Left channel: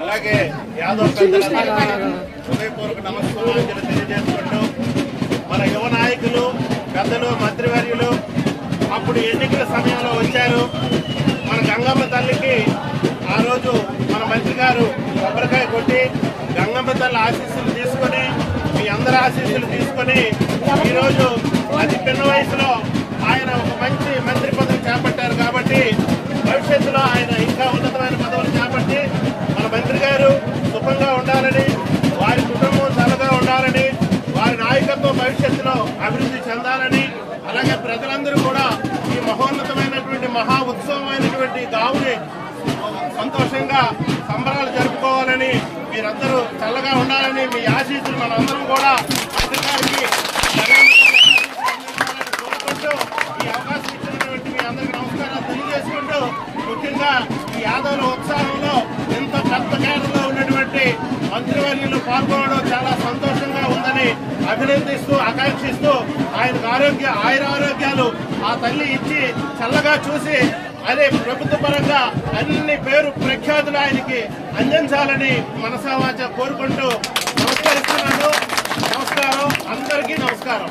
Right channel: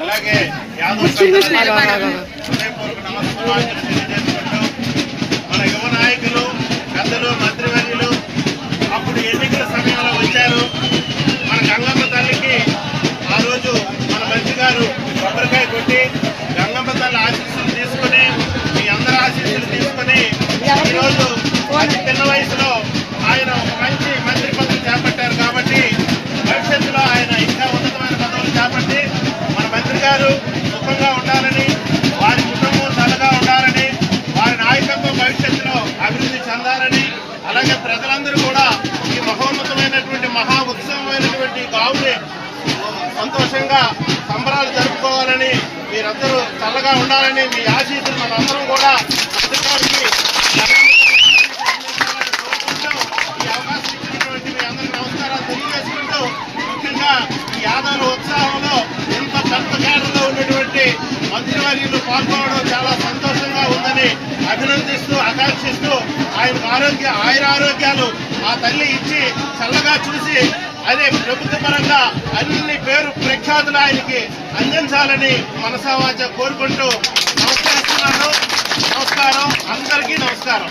అలాగే యాదవ్ హృదయపూర్వక నమస్కారాలు తెలియజేసుకుంటూ మన యువ నాయకులు పెద్దలు మంత్రివర్యులు అప్పుడు ఎన్నికల సమయంలో వచ్చారు. మన గంగమ్మ తల్లికి ఆ రోజు మన మంత్రి గారు కొబ్బరికాయ కొట్టి గంగమ్మ తల్లి ఆశీస్సులు తీసుకొని మీ అందరి ఆశీస్సులు తీసుకొని ఈరోజు అతి చిన్న వయసులో ఆయన ఒక మంచి మంత్రి పదవి చేపట్టారు. కాబట్టి భవిష్యత్తులో ఆయన ఇంకా ఉన్నతమైన పదవులు చేపట్టి మన మంత్రి గారు సుఖంగా ఉండాలని, వారి కుటుంబం చల్లగా ఉండాలని, వారి నాయకత్వం భవిష్యత్తులో అభివృద్ధి చెందాలని, అలాగే ప్రజలందరూ కూడా ఈ మహోన్నతమైనటువంటి మహా ఉత్సవమైనటువంటి గావుని సంతోషంగా సంబరాలు జరుపుకోవాలని, మీరందరూ చల్లగా ఉండాలని మీ ఆశీస్సులు మనందరం కూడా అధికారికి ఈ అవకాశం ఇచ్చినటువంటి మీ అందరికీ నమస్కారాలు తెలియజేసుకుంటూ, ముఖ్యంగా ఈ యాదవుల ఉత్సాహంలో ఎంత పెద్ద కేటలో ఉన్నటువంటి మంత్రివర్యులు పాల్గొనడం చాలా సంతోషంగా ఉందని అభినందిస్తూ ఆకాంక్షిస్తూ ఆయనకు ఆయురారోగ్యాలు ఆ తల్లి ఇచ్చి చల్లగా చూసి అదే ప్రభుత్వ పరంగా అన్ని పేరు ప్రఖ్యాతులు ఆయనకి అందించాలని మనసావాచ కోరుకుంటూ నమస్కరిస్తున్నాను. నమస్కారం, అందరికీ నమస్కారం.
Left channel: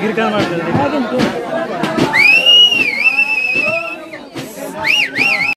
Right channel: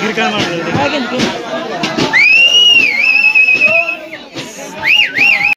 గిరికా